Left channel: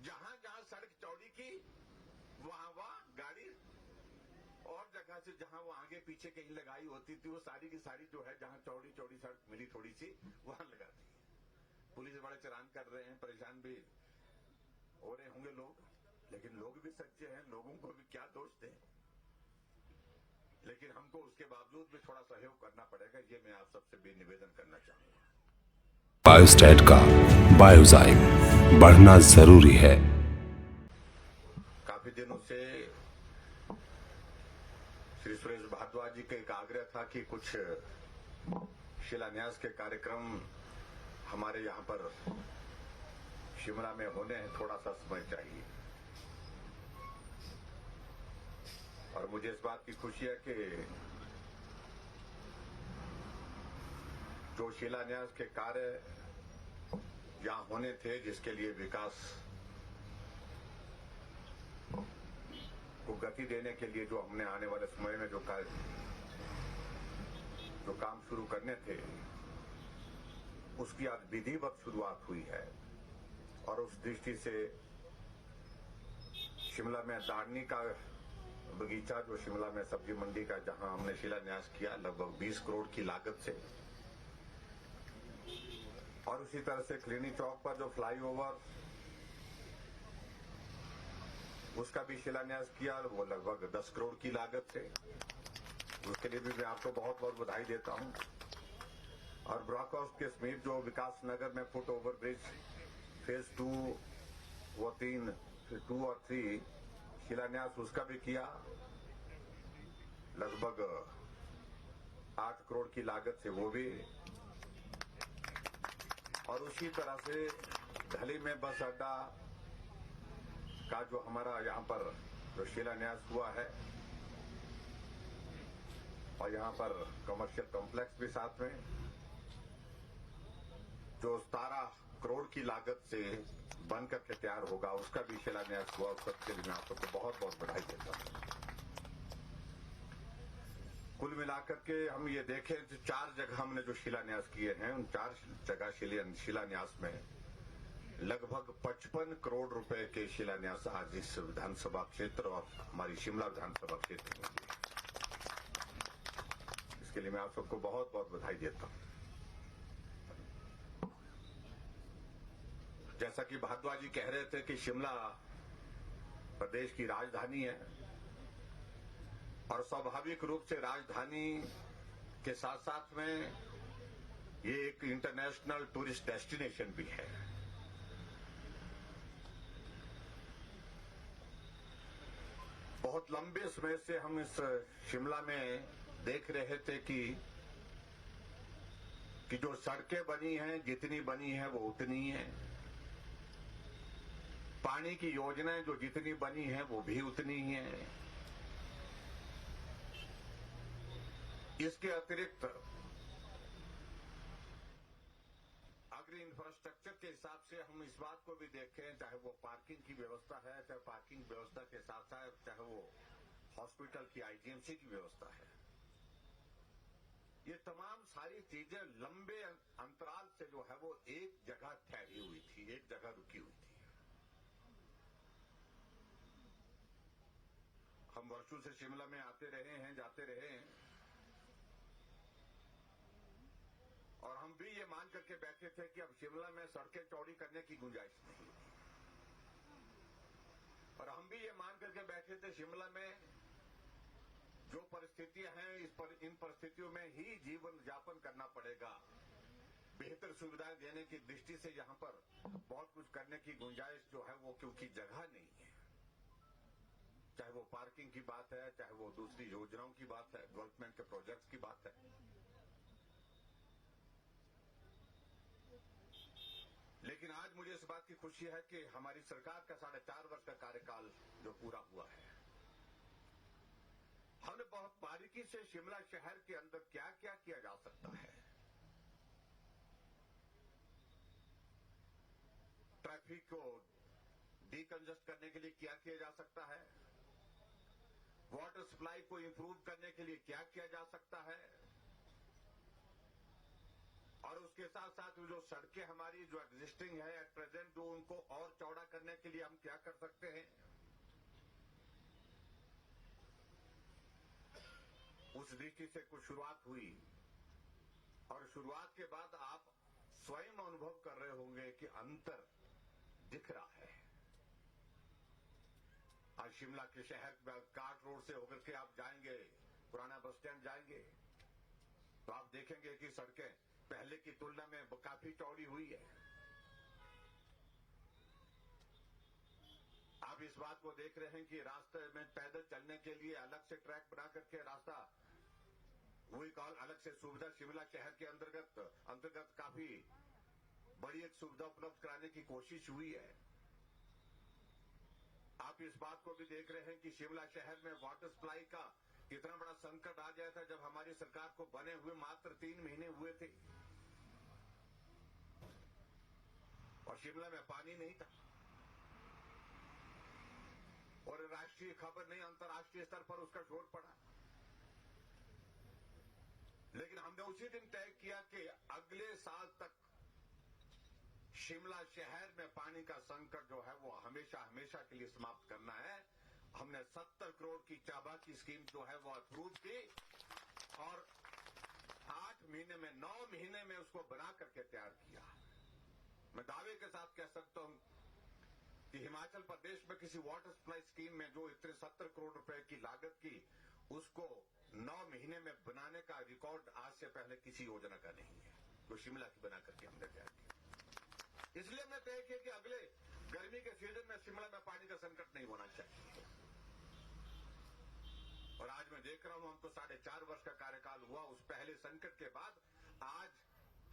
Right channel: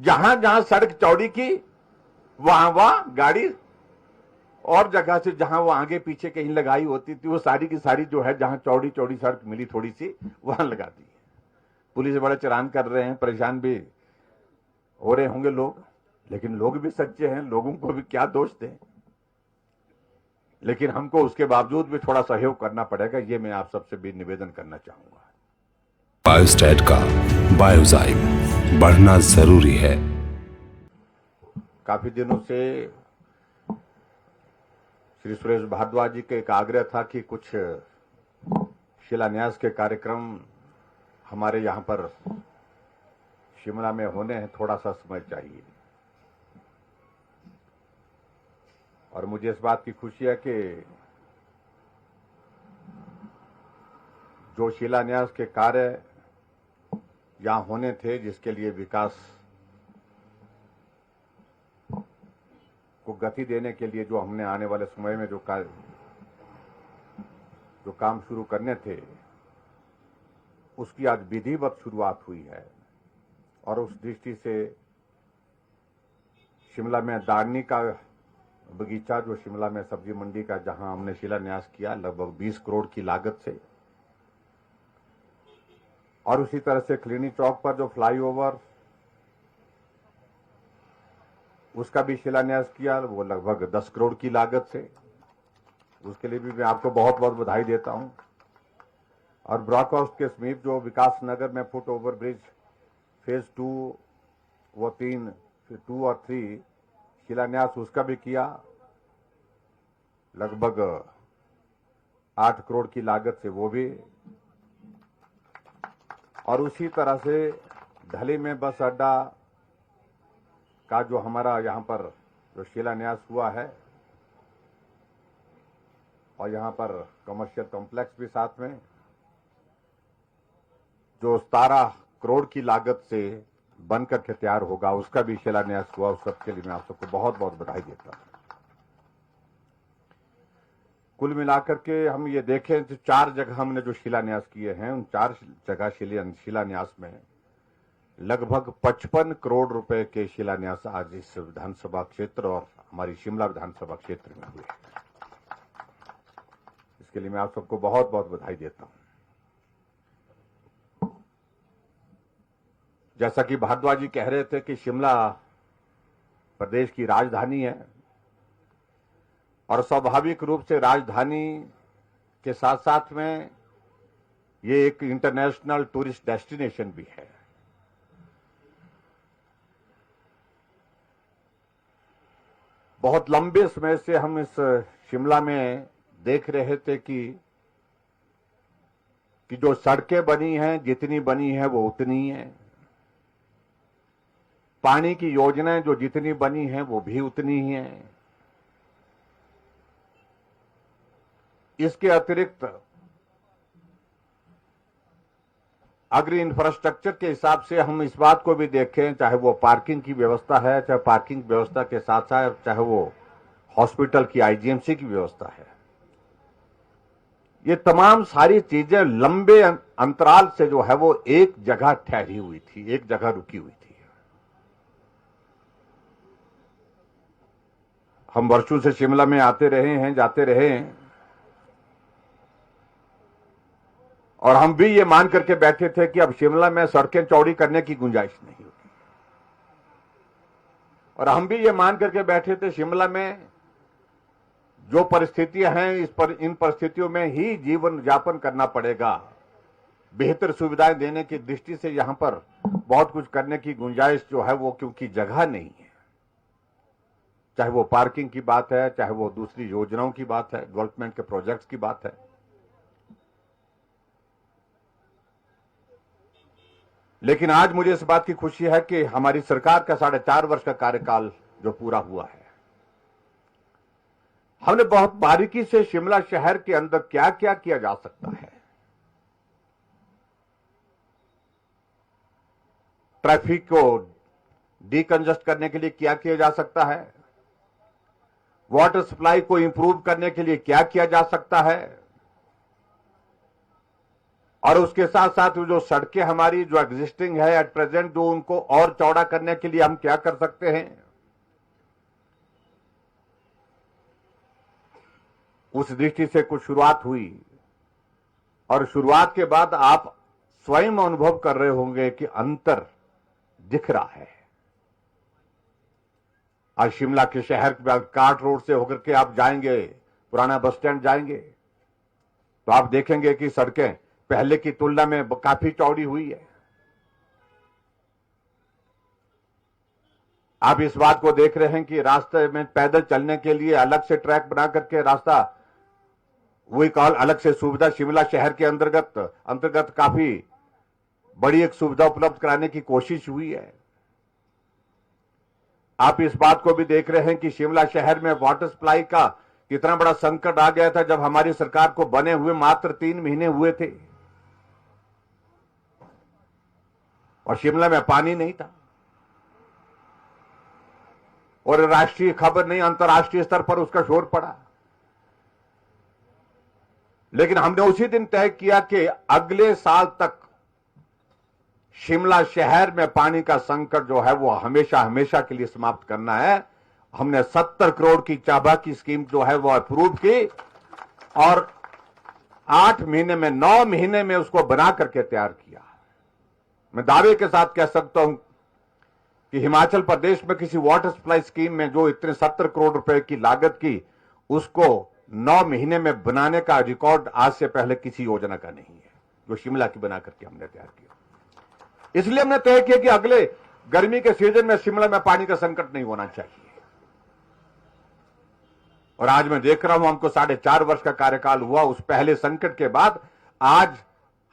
जहां जहां सड़क चौड़ी की वहां वहां गाड़ी, और जगह से जहां वो आगे पीछे कहीं लगाई होती थी वो सारी की सारी जो है जहां चौड़ी चौड़ी सड़क मिली थोड़ी सी वहां लगा दी। पुलिस बड़ा चलान कर रहे हैं, परेशान भी हो रहे होंगे लोग, लेकिन लोग भी सच्चे हैं, लोगों को भी क्या दोष दें। लेकिन हमको उसके बावजूद भी थोड़ा सहयोग करना पड़ेगा, ये मैं आप सबसे भी निवेदन करना चाहूंगा। बायोस्टैट का बायोजाइम बढ़ना जरूरी है। काफी दिनों से श्री सुरेश भारद्वाज जी का एक आग्रह था कि कुछ शिलान्यास के कार्यक्रम हमारे यहां पर शिमला में होने हैं, थोड़ा सा समय चाहिए। और मुझे इस बात की खुशी है कि जो शिलान्यास के कार्य यहां होने थे, जिसके लिए विकास को गति देने के लिए जो हमने आने वाले समय में जो काम शुरू करने थे, उसकी आज विधिवत शुरुआत हुई है। और उस दृष्टि से शिमला में दाड़नी का बगीचा, जो शिमला में सब्जी मंडी का, जहां हमने शिलान्यास किया लगभग 20 करोड़ की लागत से, और उसी तरह से क्लिनिक चौक पर जो फ्लाईओवर, उसका भी शिलान्यास किया, वो लगभग 10 करोड़ की लागत से। उसके लिए भी मैं आपको बहुत बहुत बधाई देता हूं। और ब्रॉकहाउस के समीप जो विकास नगर में फुट ओवर ब्रिज फेज 2, वो 2 और 3 शिलान्यास उसका भी किया, लगभग 8 करोड़ की लागत से वो भी। और उसी तरह से ढली में बस अड्डा का जो हमारा यहां पर जो शिलान्यास हुआ है, और यहां पर कमर्शियल कॉम्प्लेक्स भी साथ में, जो 17 करोड़ की लागत से बनकर के तैयार होगा, उसका भी शिलान्यास हुआ। उस सबके लिए मैं आप सबको बहुत बहुत बधाई देता हूं। कुल मिलाकर के हम ये देखें तो 4 जगह हमने जो शिलान्यास किए हैं, उन 4 जगह शिलान्यास में लगभग 55 करोड़ रुपए के शिलान्यास आज इस विधानसभा क्षेत्र और हमारी शिमला विधानसभा क्षेत्र में हुए। इसके लिए मैं आप सबको बहुत बहुत बधाई देता हूं। जैसा कि भारद्वाज जी कह रहे थे कि शिमला प्रदेश की राजधानी है, और स्वाभाविक रूप से राजधानी के साथ साथ में ये एक इंटरनेशनल टूरिस्ट डेस्टिनेशन भी है। बहुत लंबे समय से हम इस शिमला में देख रहे थे कि जो सड़कें बनी हैं, जितनी बनी है वो उतनी है, पानी की योजनाएं जो जितनी बनी हैं वो भी उतनी ही हैं। इसके अतिरिक्त अग्री इंफ्रास्ट्रक्चर के हिसाब से हम इस बात को भी देखें, चाहे वो पार्किंग की व्यवस्था है, चाहे पार्किंग व्यवस्था के साथ साथ चाहे वो हॉस्पिटल की आईजीएमसी की व्यवस्था है, ये तमाम सारी चीजें लंबे अंतराल से जो है वो एक जगह ठहरी हुई थी, एक जगह रुकी हुई थी। हम वर्षों से शिमला में आते रहे हैं, जाते रहे हैं, और हम भी ये मान करके बैठे थे कि अब शिमला में सड़कें चौड़ी करने की गुंजाइश नहीं होगी। और हम भी ये मान करके बैठे थे शिमला में जो परिस्थितियां हैं, इन परिस्थितियों में ही जीवन यापन करना पड़ेगा। बेहतर सुविधाएं देने की दृष्टि से यहां पर बहुत कुछ करने की गुंजाइश जो है वो, क्योंकि जगह नहीं है, चाहे वो पार्किंग की बात है, चाहे वो दूसरी योजनाओं की बात है, डेवलपमेंट के प्रोजेक्ट्स की बात है। लेकिन आज मुझे इस बात की खुशी है कि हमारी सरकार का 4.5 वर्ष का कार्यकाल जो पूरा हुआ है, हमने बहुत बारीकी से शिमला शहर के अंदर क्या क्या किया जा सकता है, ट्रैफिक को डीकंजस्ट करने के लिए क्या किया जा सकता है, वाटर सप्लाई को इंप्रूव करने के लिए क्या किया जा सकता है, और उसके साथ साथ जो सड़कें हमारी जो एग्जिस्टिंग है एट प्रेजेंट, जो उनको और चौड़ा करने के लिए हम क्या कर सकते हैं, उस दृष्टि से कुछ शुरुआत हुई। और शुरुआत के बाद आप स्वयं अनुभव कर रहे होंगे कि अंतर दिख रहा है। आज शिमला के शहर के बाद काट रोड से होकर के आप जाएंगे, पुराना बस स्टैंड जाएंगे, तो आप देखेंगे कि सड़कें पहले की तुलना में काफी चौड़ी हुई है। आप इस बात को देख रहे हैं कि रास्ते में पैदल चलने के लिए अलग से ट्रैक बना करके रास्ता, वही कॉल अलग से सुविधा शिमला शहर के अंतर्गत काफी बड़ी एक सुविधा उपलब्ध कराने की कोशिश हुई है। आप इस बात को भी देख रहे हैं कि शिमला शहर में वाटर सप्लाई का कितना बड़ा संकट आ गया था जब हमारी सरकार को बने हुए मात्र 3 महीने हुए थे और शिमला में पानी नहीं था, और राष्ट्रीय खबर नहीं, अंतर्राष्ट्रीय स्तर पर उसका शोर पड़ा। लेकिन हमने उसी दिन तय किया कि अगले साल तक शिमला शहर में पानी का संकट जो है वो हमेशा हमेशा के लिए समाप्त करना है। हमने 70 करोड़ की चाबा की स्कीम जो है वो अप्रूव की और 8 महीने में 9 महीने में उसको बना करके तैयार किया। मैं दावे के साथ कह सकता हूं कि हिमाचल प्रदेश में किसी वाटर सप्लाई स्कीम में जो इतने 70 करोड़ रुपए की लागत की, उसको 9 महीने में बनाने का रिकॉर्ड आज से पहले किसी योजना का नहीं है, जो शिमला की बना करके हमने तैयार किया। इसलिए हमने तय किया कि अगले गर्मी के सीजन में शिमला में पानी का संकट नहीं होना चाहिए। और आज मैं देख रहा हूं, हमको 4.5 वर्ष का कार्यकाल हुआ, उस पहले संकट के बाद आज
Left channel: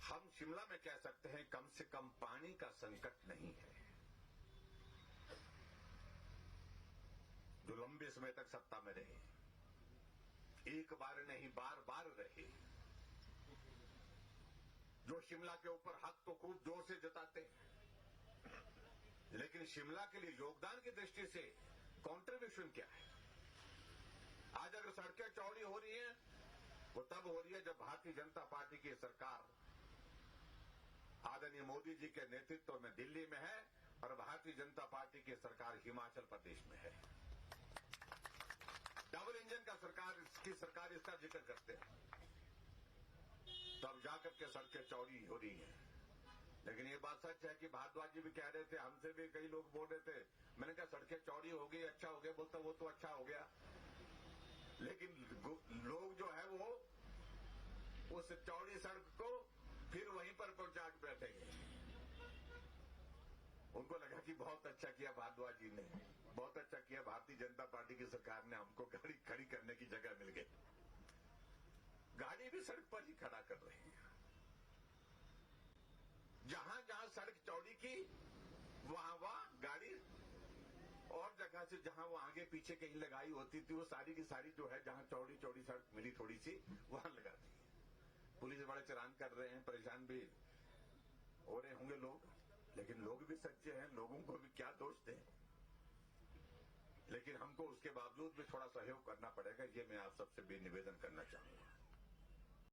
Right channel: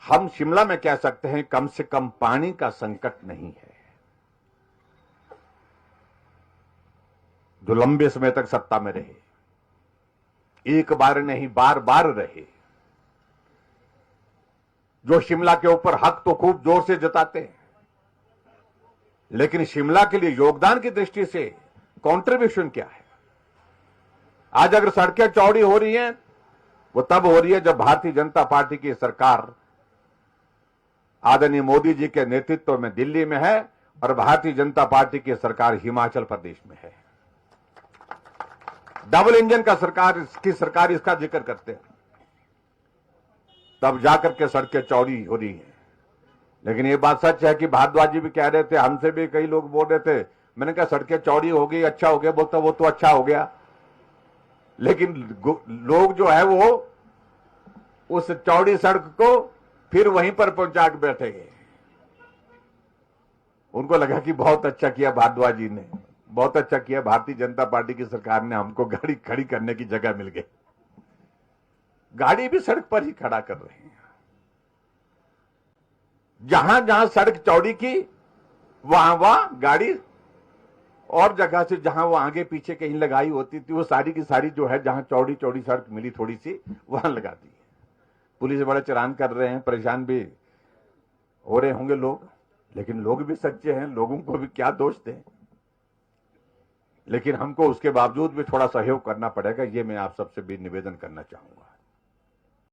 हम शिमला में कह सकते हैं कम से कम पानी का संकट नहीं है। जो लंबे समय तक सत्ता में रहे, एक बार नहीं बार बार रहे, जो शिमला के ऊपर हक तो खूब जोर से जताते हैं, लेकिन शिमला के लिए योगदान की दृष्टि से कंट्रीब्यूशन क्या है? आज अगर सड़कें चौड़ी हो रही हैं, वो तब हो रही है जब भारतीय जनता पार्टी की सरकार आदरणीय मोदी जी के नेतृत्व में दिल्ली में है और भारतीय जनता पार्टी की सरकार हिमाचल प्रदेश में है। डबल इंजन का सरकार इसका जिक्र करते हैं, तब जाकर के सड़कें चौड़ी हो रही हैं। लेकिन ये बात सच है कि भारद्वाज जी भी कह रहे थे, हमसे भी कई लोग बोल रहे थे, मैंने कहा सड़कें चौड़ी हो गई, अच्छा हो गया, बोलता वो तो अच्छा हो गया, लेकिन लोग जो है वो उस चौड़ी सड़क को फिर वहीं पर पहुंचा के बैठे गए। उनको लगा कि बहुत अच्छा किया भारद्वाज जी ने, बहुत अच्छा किया, भारतीय जनता पार्टी की सरकार ने हमको गाड़ी खड़ी करने की जगह मिल गई। गाड़ी भी सड़क पर ही खड़ा कर रहे हैं। जहां जहां सड़क चौड़ी की वहां गाड़ी, और जगह से जहां वो आगे पीछे कहीं लगाई होती थी वो सारी की सारी जो है जहां चौड़ी चौड़ी सड़क मिली थोड़ी सी, वहां लगा दी है। पुलिस बड़ा चलान कर रहे हैं, परेशान भी हो रहे होंगे लोग, लेकिन लोग भी सच्चे हैं, लोगों को भी क्या दोष दें। लेकिन हमको उसके बावजूद भी थोड़ा सहयोग करना पड़ेगा, ये मैं आप सबसे भी निवेदन करना चाहूंगा।